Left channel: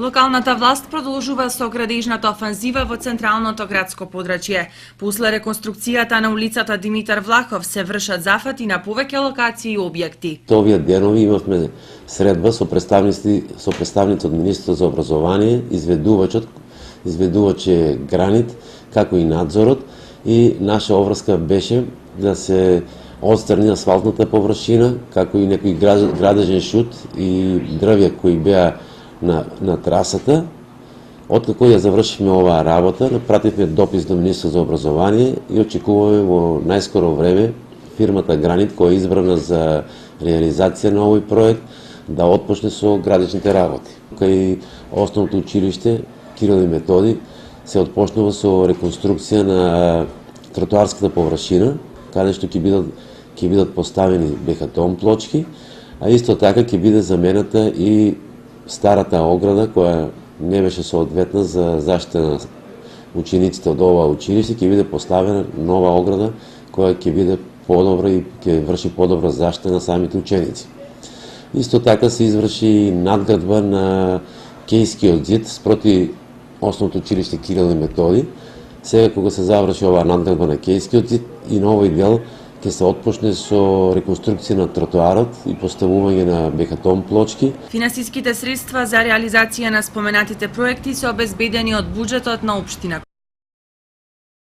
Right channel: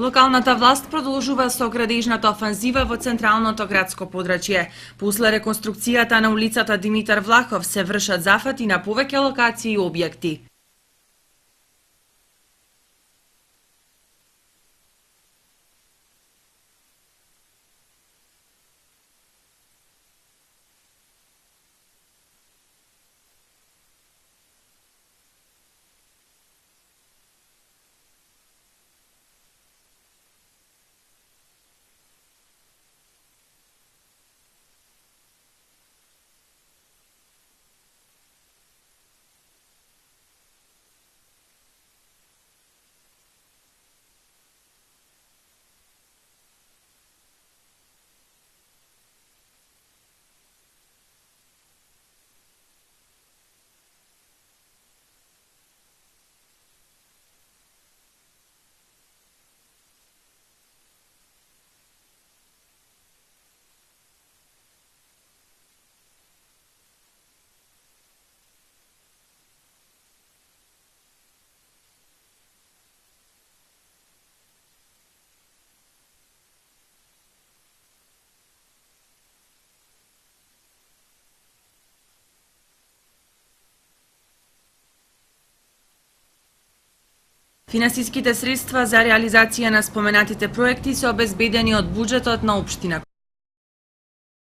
Локалната власт продолжува со градежната офанзива во централното градско подрачје. После реконструкцијата на улицата Димитар Влахов се вршат зафати на повеќе локации и објекти. Овие денови имавме средба со представници од Министерството за образование, изведувач е Гранит, како и надзорот, и наша обврска беше да се отстрани асфалтната површина, како и некој градежен шут и дрвја кои беа на трасата. Откако ја завршивме оваа работа, напративме допис до Министерството за образование и очекуваме во најскоро време фирмата Гранит, која е избрана за реализација на овој проект, да отпочне со градичните работи. Кај основното училиште Кирил и Методи се отпочнува со реконструкција на тротоарската површина, каде што ќе бидат поставени бехатон плочки, а исто така ќе биде замената и старата ограда која не беше соодветна за заштита на учениците од ова училиште, ќе биде поставена нова ограда која ќе биде подобра и ќе врши подобра заштита на самите ученици. Исто така се изврши надградба на Кејскиот зид спроти основното училиште Кирил и Методи. Сега кога се заврши оваа надградба на Кејскиот зид и на овој дел ќе се отпочне со реконструкција на тротоарот и поставување на бехатон плочки. Финансиските средства за реализација на споменатите проекти се обезбедени од буџетот на општина